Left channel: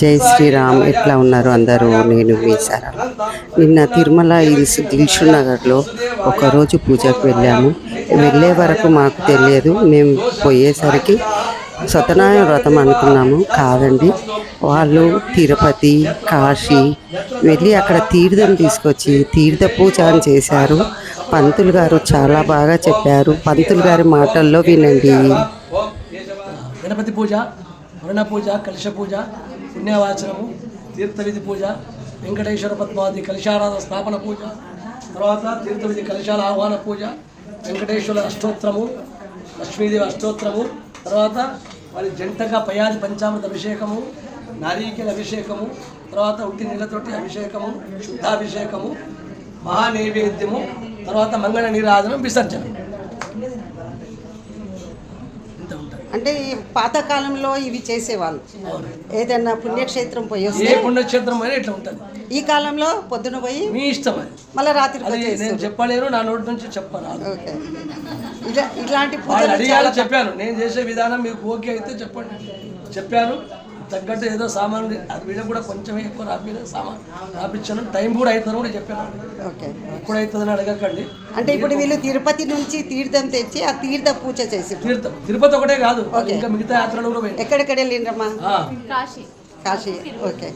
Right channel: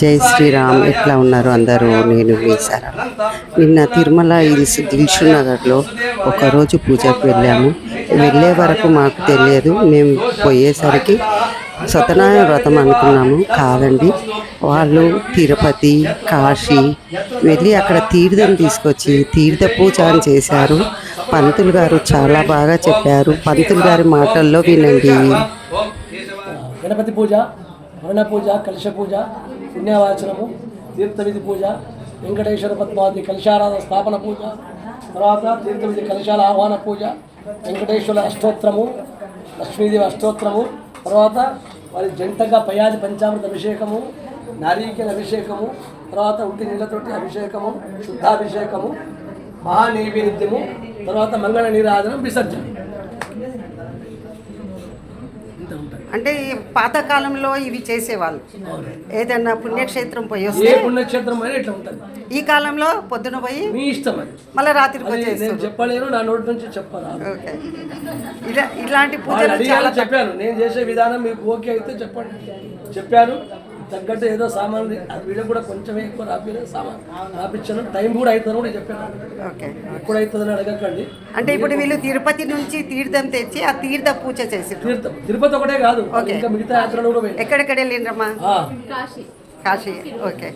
జై శ్రీరామ్. ఎట్లా ఉన్నారు అందరూ? నేను మీ సరళ. నిన్న తిరుమల హిల్స్ దిల్షుక్ నగర్లో ఒకరోజు పూజకు వెళ్ళాము. వెళ్ళే వరకు మాకు తెలియదు. మేము పోయేసరికి సత్యనారాయణ వ్రతం అనుకున్నాము. కాదండి, వాళ్ళు తిరుపతి, కాశీ వెళ్ళి అక్కడ తీర్థం తీసుకొచ్చి తీర్థ పూజ అని చేశారు. పంతులు గారు చాలా బాగా చెప్పారు. పంతులు గారి మాటల్లో వినండి. గణపతి పూజ, వర్ణ పూజ, కలశ పూజ, పుణ్యవాచనము, తీర్థవిధి పూజ, వెంకటేశ్వర పద్మావతి కలశారాధన స్థాపన పూజ, తర్వాత తీర్థవిధి కలశాల ఆహ్వాన పూజ, వెంకటేశ్వర అష్టోత్తరము, లక్ష్మీదేవి అష్టోత్తరము, తర్వాత వారి జంటగా పయాది పంచామృత అభిషేకము, నారీకేల అభిషేకము, తర్వాత ఉట్టి నీళ్ళతోటి అభిషేకము, శుద్ధాభిషేకము, మహానైవేద్యము, తర్వాత మంగళ నీరాజనం, విసర్జన. అంటే పాతకాలంలో ఇవి చేసేవాళ్ళు. ఏదైనా పుణ్యక్షేత్రం పోయి వస్తే పుణ్యక్షేత్రం పోయి ఇట్లా ఉంటుంది. ఈ కాలంలో పొద్దున పోయి మీ ఇష్టం అది, మళ్ళీ రాత్రి నేను చెప్పలేను, నా నోటి నుంచి చెప్పాను. ఓకే, ఇలాంటి పూజలు చాలా చెప్పాను. నేను చేసే విధానం మీకు ఓకే అయితే చెప్పండి. చెప్పాను తగ్గట్టు ఏదో సామాన్ అది వీళ్ళకి కూడా కొంచెం ఎక్కువ రాపిన సామాన్ రాపించాను. టైం కూడా అవుతుంది కూడా చెప్పాను. ఓకే, ఎప్పుడు అవుతుందని అడగకండి. అంటే ఇప్పుడు వీళ్ళు తిరుపతి నుంచి తీర్థం తెచ్చి ఆ తీర్థ పూజ చేసి తిరుపతి ఒకటే కాదు, ఇంకా మిగతా యాత్రలు కూడా ఎక్కడెక్కడ వెళ్ళిండ్రమ్మా? కాశీ. ఓకే.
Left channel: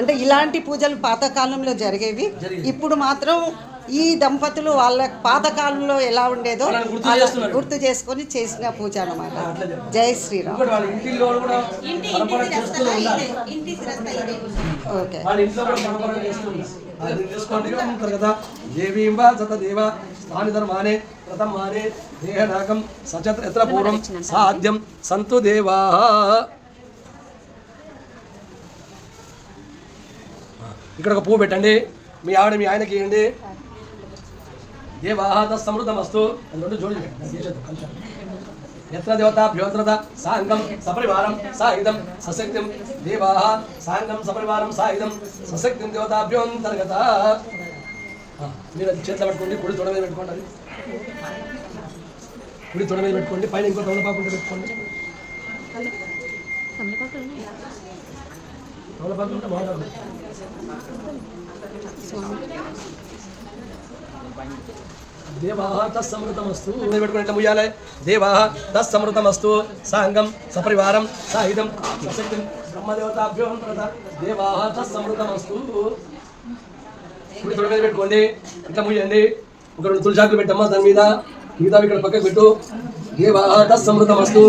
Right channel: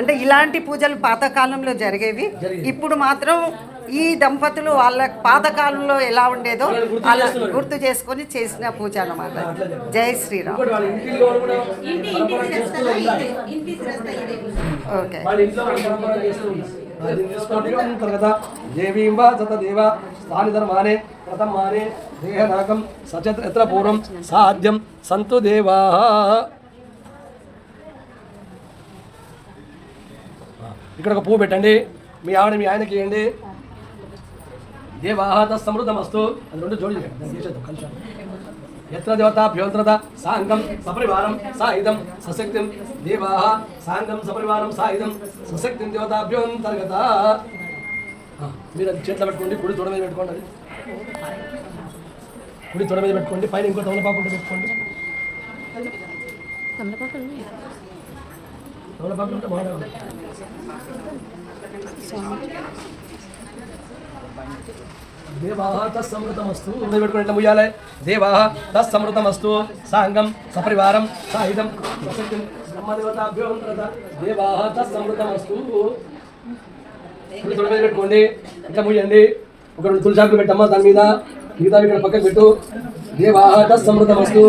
అంటే ఇలాంటి పూజలు పాతకాలంలో జరిగేవి. ఇప్పుడు మాత్రం ఈ దంపతులు వాళ్ళ పాతకాలంలో ఎలా ఉండేదో అలా గుర్తు చేసుకొని చేసిన పూజ అన్నమాట. జై శ్రీరామ్. ఓకే. పూర్వం సాధ్యం సంతు దేవా. ఇక్కడ ఒక పువ్వు పెట్టండి, మీ ఆవిడ మీ ఆయనకి ఇవ్వండి. దేవాహ సమృద్ధమస్తు. అందులో జోడి ఎత్ర దేవతాభ్యోంతరత సాంగం సపరివారం సాయుధం సశక్తిం దేవాహ సాంగం సపరివారం సాయుధం సశక్తిం దేవతాభ్యోంతర్గత. మీరు అది చేతిలో పెట్టుకోండి, కుడి తొడ మీద పెట్టుకోండి. అది కుడి తొడ మీద పెట్టుకోండి. పైన ఇంకో తమలపాకు పెట్టుకోండి. తమలపాకు ఉంటే బాగుంటుంది. దేవాహ తత్సమృతమస్తు. పెట్టుకుని ఎట్లా ముయ్యాలి? దేవాహ తత్సమృతమస్తు సాంగం సపరివారం సాయుధం సశక్తిం బ్రహ్మదేవతాభ్యోంతరత దేవాహ తత్సమృతమస్తు. తొడ మీద పెట్టుకోండి, ఇట్లా ముయ్యండి. ఒక రెండు తులసాకులు పెట్టమ్మా దాని మీద, మిగతా ఇక్కడ పక్కకు పెట్టు. దేవాహ తత్సమృతమస్తు.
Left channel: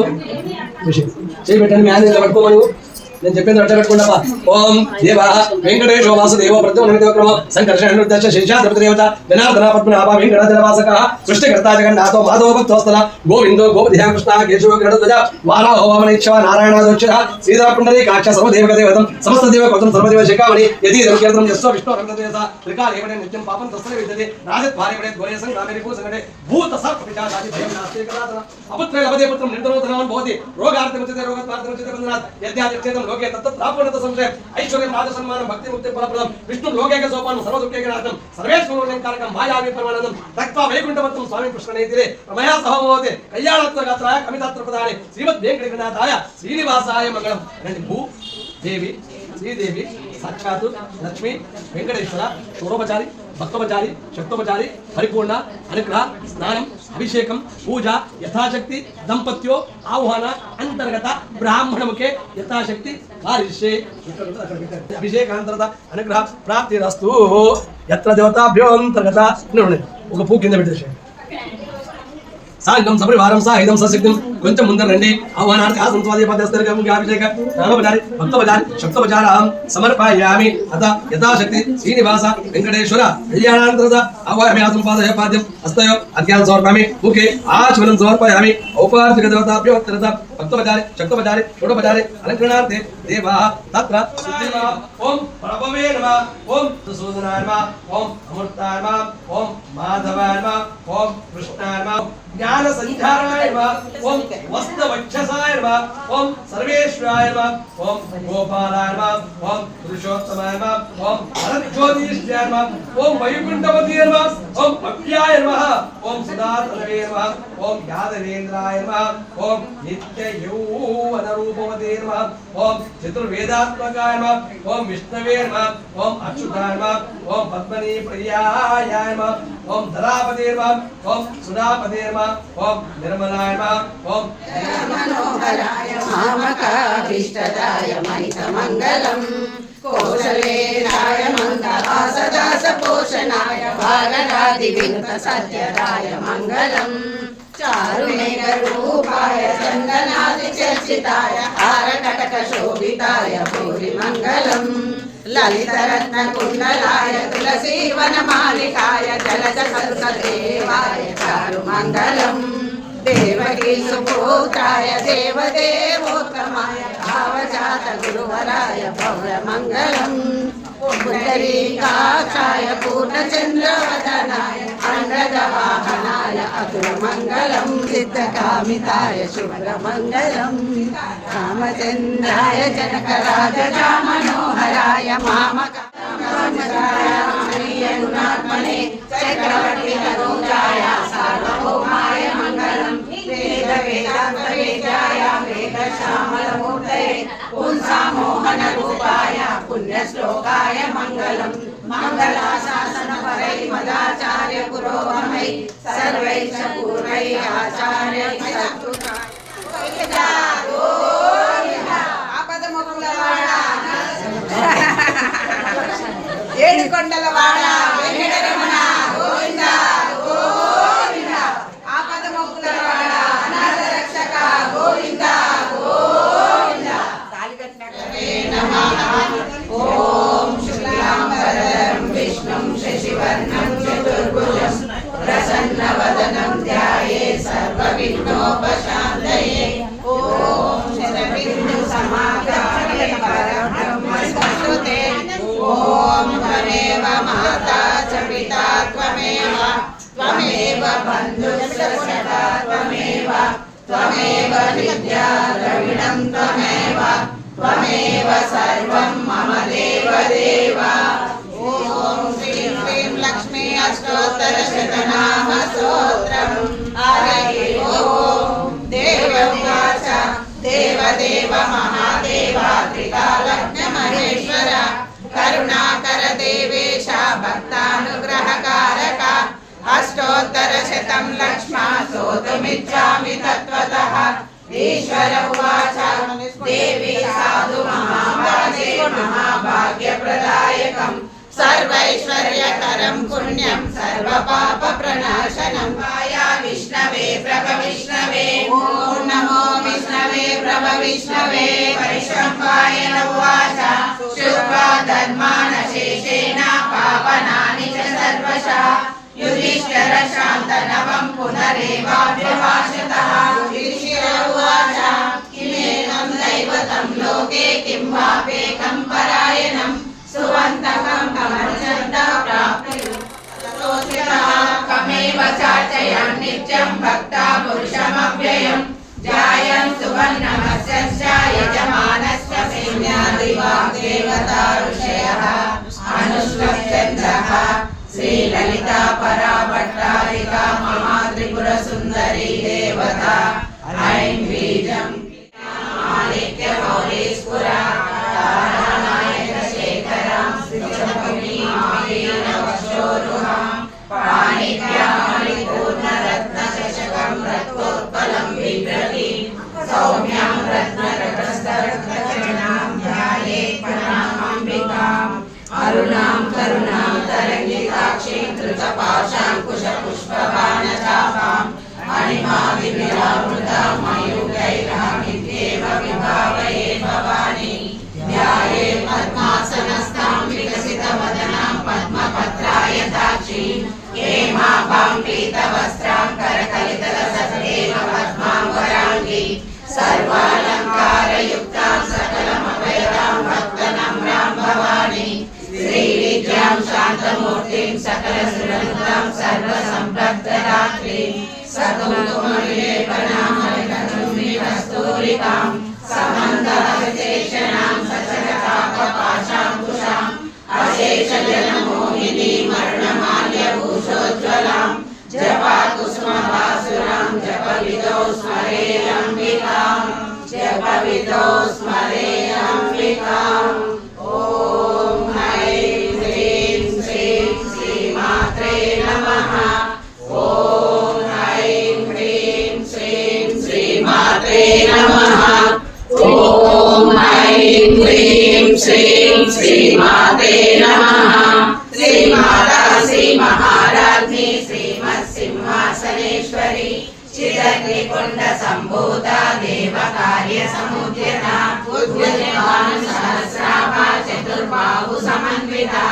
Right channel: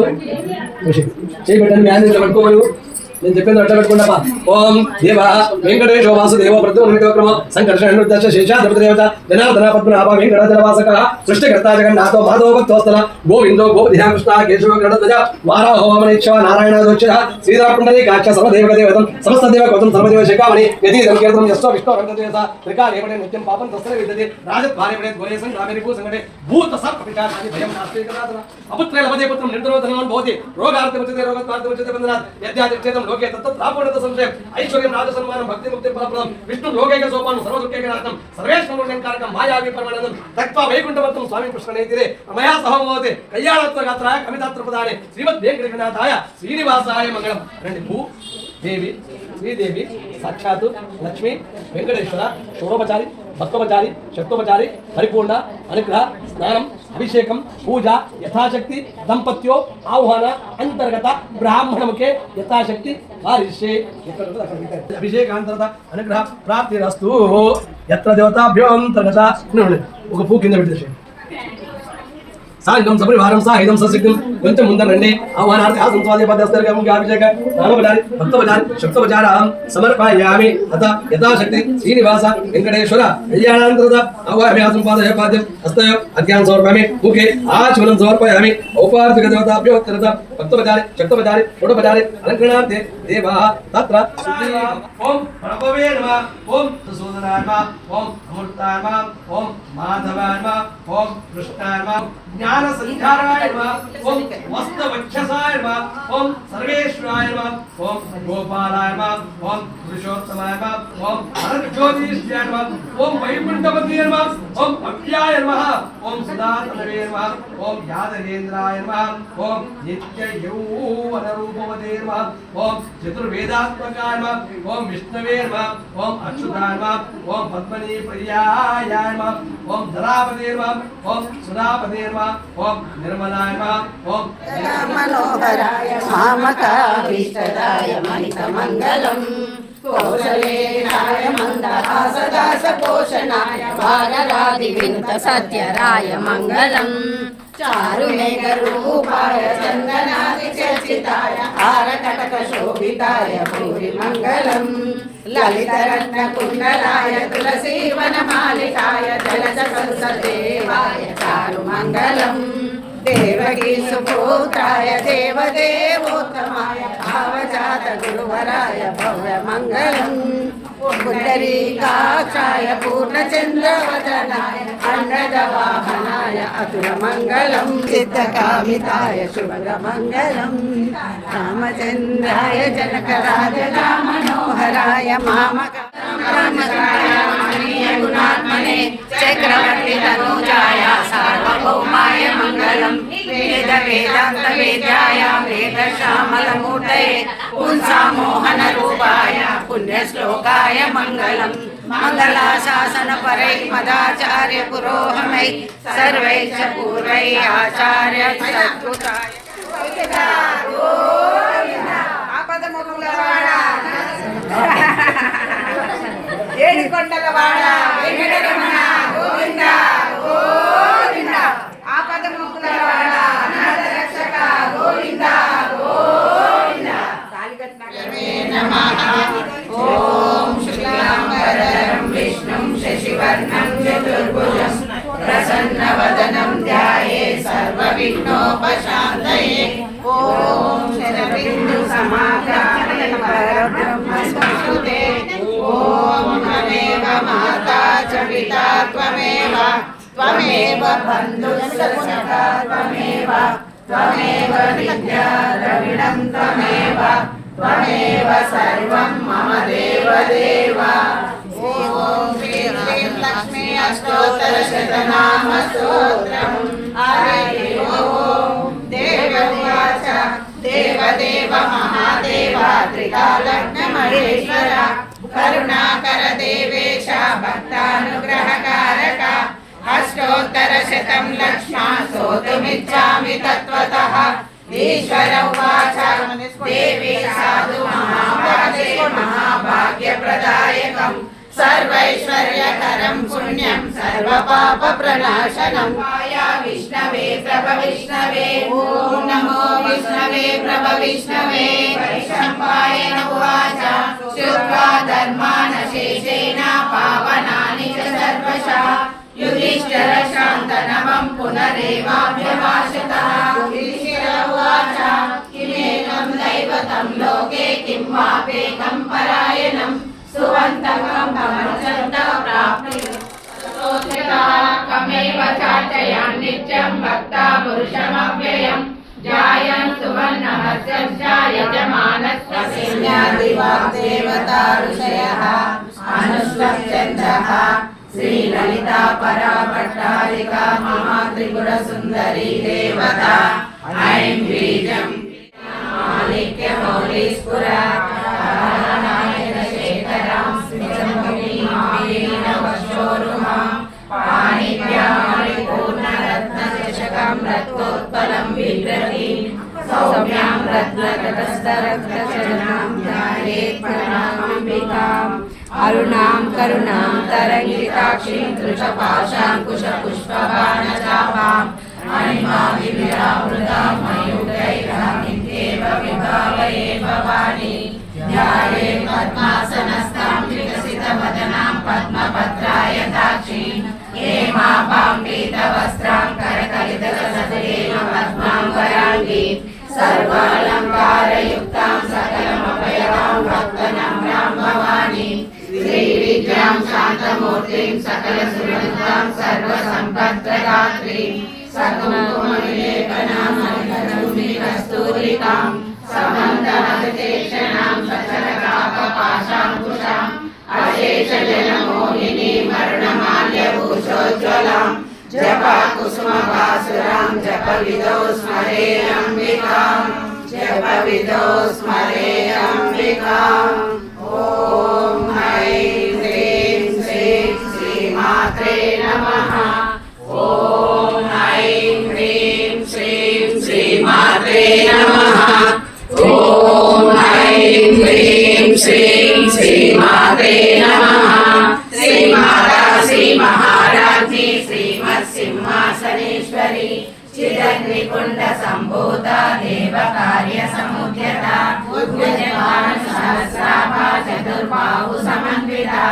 చేయి పెట్టండి, మ్యానేజ్ పట్టుకోమను. నేను చెప్పేది అట్లా పెట్టుకుంటామా? ఓం దేవ వెంకటేశో వాసుదేవ ప్రద్యుమ్నక్రమ సంకర్షణ శేషాధిపతిదేవత జనార్దన పద్మనాభ వెంకటాచలవాసక సృష్టికర్త జగన్నాథో మాధవ భక్తోస్తల గోవిందో గోపధ్యా కృష్ణ కేశవ గణధ్వజ వారాహో వామనేశ్వ నారాయణాదోక్ష శ్రీధర పుండరీకాక్ష సర్వదేవ దేవతం సమస్త దేవ కృతం సర్వదేవ శిఖామణి యతి కీర్తనం యస్వ విష్ణు రంగదేవత త్రికాలేవడే నిత్యం పాపం తస్సరే విద్యతే రాజత్ భార్యవడే ఘోరేసం గ్రామేరి భూసంగటే భూత సర్పపిశాచాది భయం నాస్తి కదాతన అపుత్రే లభతే పుత్రం నిర్ధనోధనమన్ భవతి రోగార్తముచతే రోగత్వార్తముచతే బంధనాత్ యద్యాదిక్షేతం లోకే తత్తత్ రాపుణత సంశయం ఐశ్వర్యం రాజసన్మానం భక్తి ముక్తి ఫలప్రదం విష్ణు లోకేక సోపానం సర్వదుఃఖేక నాశనం సర్వేశ్వరుణ్యంకారకం మాయావి పరమానందం తక్వా వైకుంఠవత్తం స్వామి కృష్ణనేతిరే రమయా సహమోతే కళ్యాణత్వ గాత్ర కవితాత్ర ప్రదానే శ్రీమద్ వెంకటనాథాయ శ్రీనివాసాయ మంగళం. రండి. భూ దేవి శ్రీదేవి సాక్షాత్ లక్ష్మి వెంకటేశ్వర షోడోపచారి భక్తోపచారి శక్తోపచారి పరిపూర్ణ అనుగ్రహ స్నానం అభిషేకం పూజ యథాశక్తి దంపత్యో ఆహ్వాన అంతర్గత బ్రాహ్మణముకే యథాశక్తి కారిష్యే. అభిషేకాంతర్గత అనుగ్రహ ప్రాప్తిరస్తు. యత్ర దేవతాభ్యోంతర్గత. ఒక పూ కింద పెట్టేసి సాంగం సపరివారం సాయుధం సశక్తిం. కొంచెం ముందర రండి. ఆహ్వానార్థి అభిషేక నామోపచారి భక్తోపచారి శక్తోపచారం సమర్పయామి. అత యథాశక్తి శ్రీనివాస వెంకటేశ్వర కళ్యాణాంతరత ఆవాహయామి. సంపాదయ పాద్యం హస్తయ అధ్యానం సమర్పయామి. ముఖే ఆచమనం సమర్పయామి. ఔపార్థిక దేవతాభ్యోత్తరత భక్తోపచారి శక్తోపచారి షోడోపచారి అలంకరణార్థే దేవాః తత్ర ఓం ప్రభవే నమః. ఓం సుసూదనాయ నమః. ఓం అమృతాయ నమః. ఓం మాధవాయ నమః. ఓం కృష్ణాయ నమః. ज्ञान संध्याराय नमः ओम वस्तवक्षसाय नमः ओम सर्वेश्वराय नमः ओम गोपालाय नमः ओम पुरुषोत्तमाय नमः ओम हरज्योतिषाय नमः ओम वैकुंठपति नमः ओम अव्याय नमः ओम सुदातनवे नमः ओम यादवेन्द्राय नमः ओम नित्य यौवन रूपवते नमः ओम चतुर्वेदात्मकाय नमः ओम विष्णवे नमः ओम अच्युताय नमः ओम पद्मनी प्रियाय नमः ओम धरापते नमः ओम सुरापते नमः ओम निर्मलाय नमः ओम मनोहराय मामकाभीष्टदाय महितमङ्गलम् कौशलेशाय मन्दहासदासपोषणाय भाररादिविनुतसत्यराय मङ्गलम् चारुमेघरूपाय चन्दनादिचर्चिताय हारकटकशोभिताय भूरिमङ्गलम् ललितरत्नकुण्डलाय तुलसीवनमालिकाय जलजसंसदेवाय चारुमङ्गलम् देवकी सुपुत्राय देवदेवोत्तमाय भावजात गुरुवराय भव्यमङ्गलम् पुण्डरीकाक्षाय पूर्णचन्द्रवदनाय अण्डजवाहनाय अतुलमङ्गलम् सिद्धकामिताय शुभ्रमङ्गलम् रामचन्द्राय जनकराजरामनोहराय मामकाय गुणात्मने चक्रवर्ति तनूजाय सार्वभौमाय मङ्गलम् वेद वेदान्त वेद्याय वेदश्यामलमूर्तये पुंसामोहनरूपाय पुण्यश्लोकाय मङ्गलम् मङ्गलाशासन परैः मदाचार्य पुरोहमैः सर्वैश्च पूर्वैः आचार्य सत्कृताय ఏడుకొండలవాడ వెంకటరమణ గోవింద గోవింద ఆపద మొక్కులవాడ అనాథ రక్షక గోవింద గోవింద తాళికట్నకమే నమః ఓం శుక్లాంబరధరం విష్ణుం శశివర్ణం చతుర్భుజం ప్రసన్నవదనం ధ్యాయే సర్వవిఘ్నోపశాంతయే ఓం శరబిందు సమాకారే పరబ్రహ్మ సంస్తుతే ఓం త్వమేవ మాతా చ పితా త్వమేవ త్వమేవ బంధుశ్చ సఖా త్వమేవ త్వమేవ విద్యా ద్రవిణం త్వమేవ త్వమేవ సర్వం మమ దేవ దేవ ఓం శ్రీం హ్రీం లక్ష్మీ అష్టోత్తర శతనామ స్తోత్రం హరి ఓం దేవవాచ దేవదేవ మహాదేవ త్రికాలజ్ఞ మహేశ్వర కరుణాకర దేవేశ భక్తానుగ్రహకారక అష్టోత్తర శతం లక్ష్మా స్తోతుమిచ్చామి తత్వతః ఈశ్వర ఉవాచ దేవి సాధు మహాభాగే మహాభాగ్యప్రదాయకం సర్వైశ్వర్యకరం పుణ్యం సర్వపాప ప్రణాశనం మాయా విష్ణవే ప్రభ విష్ణవే ఓం నమో విష్ణవే ప్రభ విష్ణవే పరిశంభాయ ఉవాచ శుక్లా ధర్మాన శేషేణ పావనాని చ సర్వశః యుధిష్ఠిర శాంతనవం పునరేవాభ్యభాషతః యుధిష్ఠిర ఉవాచ కిమేకం దైవతం లోకే కిం వాపేకం పరాయణం సువంతకం కమచంత ప్రాప్తి స్తోత్రితః కమేవ చాచయన్ నిత్యం భక్తా పురుషమవ్యయం జాయం సువర్ణమస్య యజమానస్య సేనాదివాగ్దేవతా ఋషయః అనుష్ఠప్యంతః శ్రీలలితా పరాభట్టారికా మహాత్రిపుర సుందరీ దేవతా ఐం బీజం మాలిక్య మౌలీస్ఫుర రత్నోత్పలం బిభ్రతి సౌమ్యాం రత్నరటస్థరత్నచరణాం ధ్యాయే ప్రణామాంబికాం అరుణాం కరుణాం తరంగితాక్షీం ధృతపాశాంకుశ పుష్పబాణచాపాం అణిమాది విరామృతాం మయూఖైరహమిత్యేవ విభావయే భవాని ధ్యాయే పద్మాసనస్థాం వికసితవదనాం పద్మపత్రాయతాక్షీం హేమాపాం పీతవస్త్రాం కరకలితరసదేవ పద్మాంబరాంగీ సర్వాలంకారయుక్తాం సకలమభయదాం భక్తనమ్రాం భవాని శ్రీవిద్యాం శాంతమూర్తిం సకలసురనుతాం సర్వసంపద్ప్రదాత్రీం సకల जपविदो स्मरेयम्बिकां जपविदो स्मरेयम्बिकाम् ॐ ऐं ह्रीं श्रीं श्रीमात्रे नमः ॐ ऐं ह्रीं श्रीं श्रीमात्रे नमः ॐ ऐं ह्रीं श्रीं श्रीमात्रे नमः श्रीमाता श्रीमहाराज्ञी श्रीमत्सिंहासनेश्वरी चिदग्निकुण्ड सम्भूता देवकार्य समुद्यता उद्यमान सहस्राभा चतुर्बाहु समन्विता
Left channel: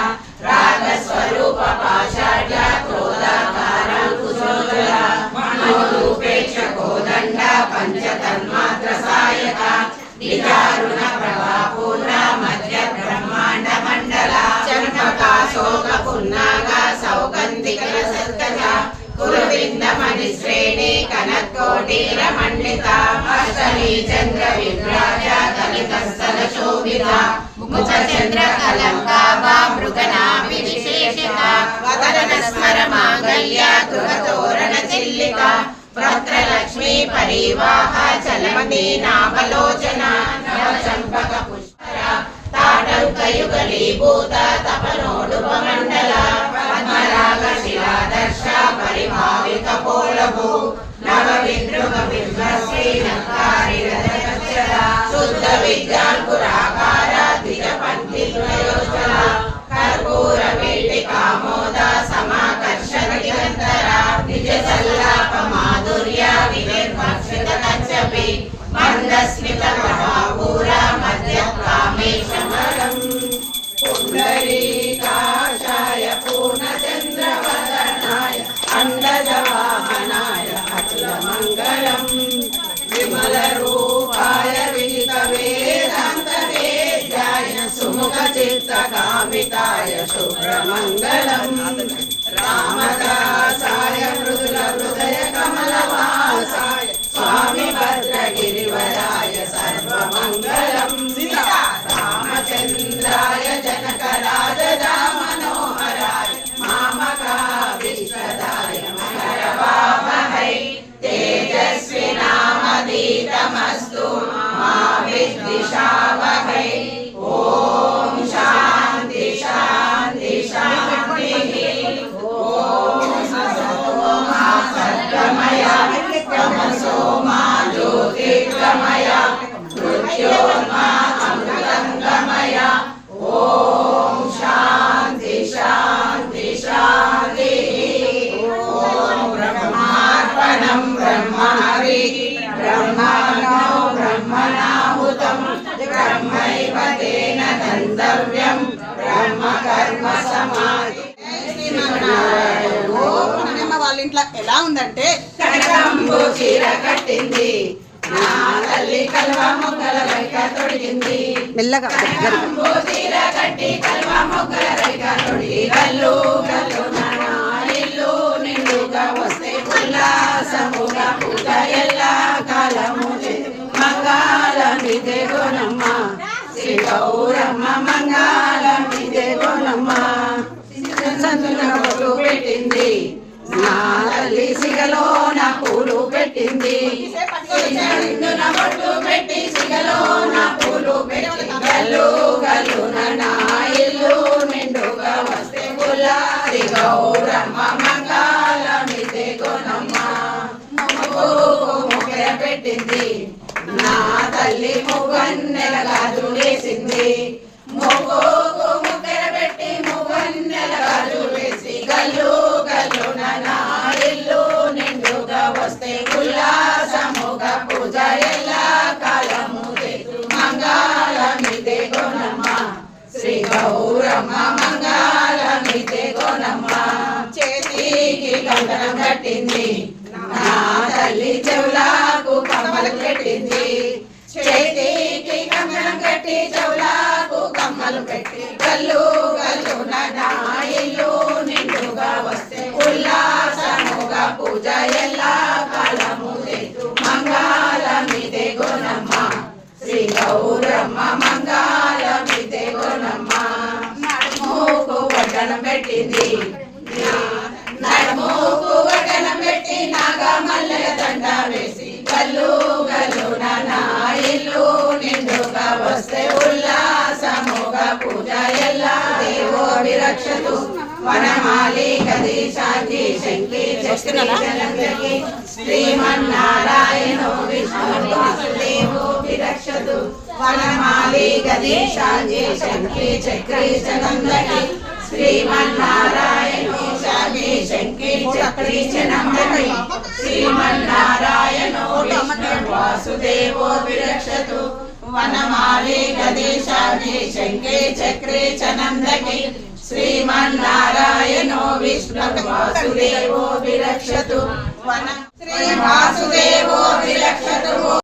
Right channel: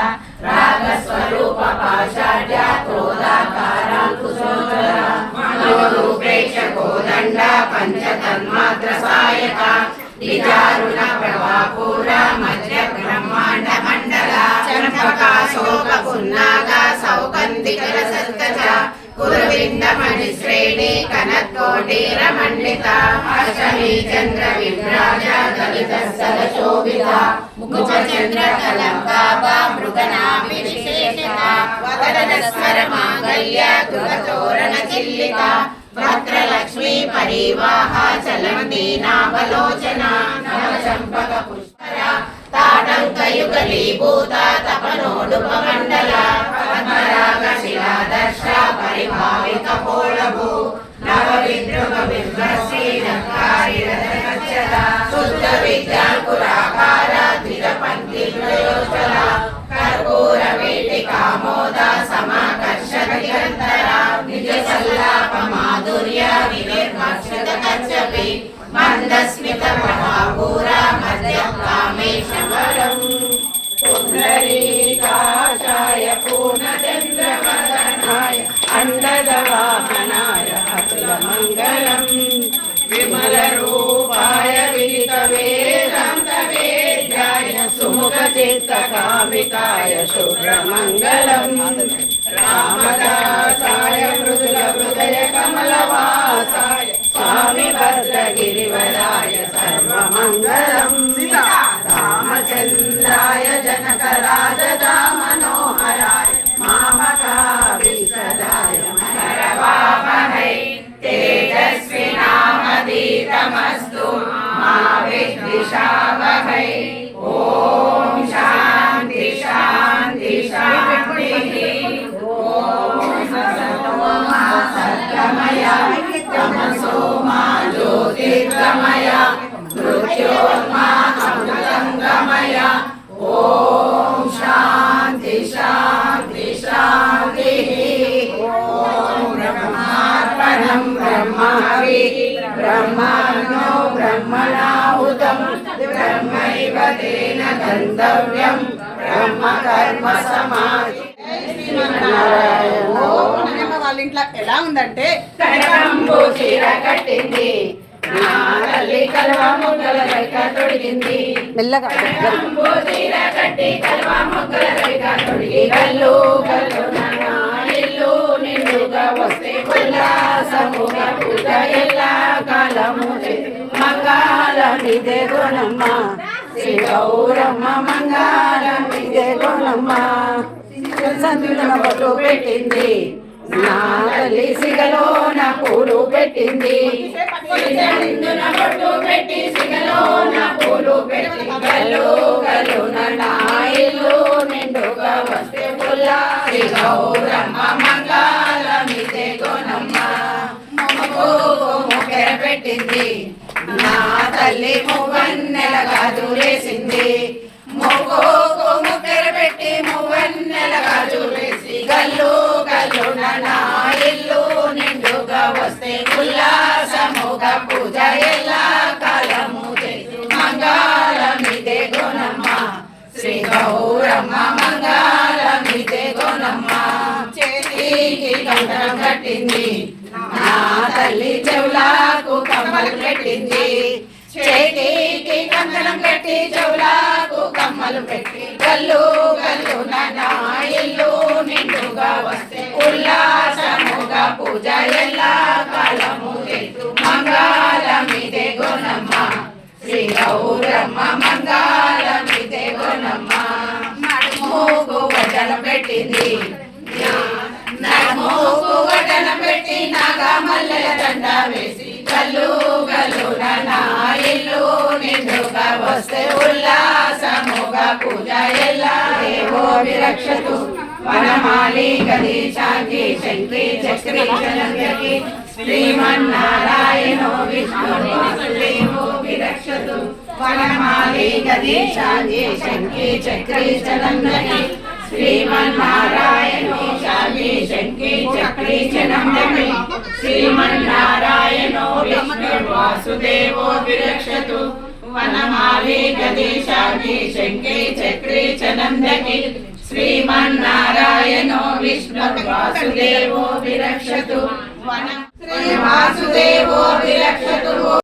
रागस्वरूप पाषाढ्य क्रोधाकाराङ्कुशोज्ज्वला मनोरूपेक्ष कोदण्ड पञ्चतन्मात्र सायका निजारुण प्रभापूर्णा मध्य ब्रह्माण्ड मण्डला चम्पका शोक पुन्नाग सौगन्धिक सत्कजा कुरुविन्द मणिश्रेणी कनकोटीरमण्डिता अष्टमी चन्द्र विभ्राज दलितस्थल शोभिता मुकुच चन्द्र कलङ्काभा मृगनाभि विशेषिता वदन स्मर माङ्गल्य तुलतोरण चिल्लिका भद्रलक्ष्मी परिवाह चलन्ती नाभलोचना नवचम्पक पुष्करा ताटङ्कयुगलीभूता तपनोडुपमण्डला पद्मराग शिलादर्श परिभावित पोलभू नवविद्रुम बिम्बश्री लङ्कारी रथकच्चला शुद्ध विद्याङ्कुराकार द्विजपङ्क्ति प्रयोज्ज्वला कर्पूर वेटिकामोद समाकर्षण निरन्तरा निज सल्लाप माधुर्य विनिर्मर्शित कच्छपि मन्दस्मित प्रभापूर मध्य कामेशवरम् पुण्डरीकाक्षाय पूर्णचन्द्रवदनाय अण्डजवाहनाय अतुलमङ्गलम् विमलरूपाय विदितवेदान्तवेद्याय सुमुखचित्तकामिताय शुभ्रमङ्गलम् रामदासाय मृदुलहृदय कमलवासाय स्वामी भद्रगिरिवराय सर्वमङ्गलम् रामचन्द्राय जनकराजदामनोहराय मामकाभीष्टदाय मनरवामहै तेजस्विनामधीतमस्तु मा विद्विषावहै ॐ शान्ति शान्ति शान्तिः ॐ सतो मा सद्गमय तमसो मा ज्योतिर्गमय मृत्योर्मा अमृतङ्गमय ॐ शान्ति शान्ति शान्तिः ॐ ब्रह्मार्पणं ब्रह्महविः ब्रह्माग्नौ ब्रह्मणाहुतं ब्रह्मैव तेन गन्तव्यं ब्रह्मकर्म समाधि వాళ్ళ ఇంట్లో ఎలా ఉందంటే కనకంబు చీర కట్టింది నా తల్లి కలవ మొగ్గల రేఖ తొడిగింది మెల్లగా కనకంబు చీర కట్టి కలవ మొగ్గల రేఖ తొడిగి గల్లు గల్లు నా ఇల్లు నిండుగా వస్తే ఉల్లాసముగా పూజ ఎల్లా కాలము మంగళం ఇదే గుణమ్మ శ్రీ గౌరమ్మ మంగళం ఇదే గుణమ్మ సంతులన బొట్టు పెట్టింది నా తల్లి సిగలో నా పూలు పెట్టింది బొట్టు పెట్టి సిగలో నా పూలు పెట్టి గల్లు గల్లు నా ఇల్లు నిండుగా వస్తే పుల్లారి గౌరమ్మ మంగళమిదే గుణమ్మ ముఖెర పెట్టింది నా తల్లి మువ్వన్నెల గాజు వేసింది ముఖెర పెట్టి మువ్వన్నెల గాజు వేసి గల్లు గల్లు నా ఇల్లు నిండుగా వస్తే ఉల్లాసముగా పూజ ఎల్లా కాలము మంగళమిదే గుణమ్మ శ్రీ గౌరమ్మ మంగళమిదే గుణమ్మ చేతికి కంకణం కట్టింది నా తల్లి చెవులకు కమ్మలు పెట్టింది చేతికి కంకణం కట్టి చెవులకు కమ్మలు పెట్టి గల్లు గల్లు నా ఇల్లు నిండుగా వస్తే ఉల్లాసముగా పూజ ఎల్లా కాలము మంగళమిదే గుణమ్మ శ్రీ గౌరమ్మ మంగళమిదే గుణమ్మ నడుముకు వడ్డలం పెట్టింది నడుముకు వడ్డలం పెట్టి నాగమ్మ మల్లెల దండ వేసి గల్లు గల్లున నా ఇల్లు నిండుగా వస్తే ఉల్లాసముగా పూజ ఎల్లా దేవో విరక్షతు వనమాలి గది శాంతి శంకరి చక్రి చలంగకి శ్రీమన్నారాయణో విష్ణు వాసుదేవో విరక్షతు వనమాలి గది శాంతి శంకరి చక్రి చలంగకి శ్రీమన్నారాయణో శాంతి శంకరి చక్రి చలంగకి శ్రీమన్నారాయణో విష్ణు వాసుదేవో విరక్షతు వనమాలి గది శాంతి శంకరి చక్రి చలంగకి శ్రీమన్నారాయణో విష్ణు వాసుదేవో విరక్షతు వనం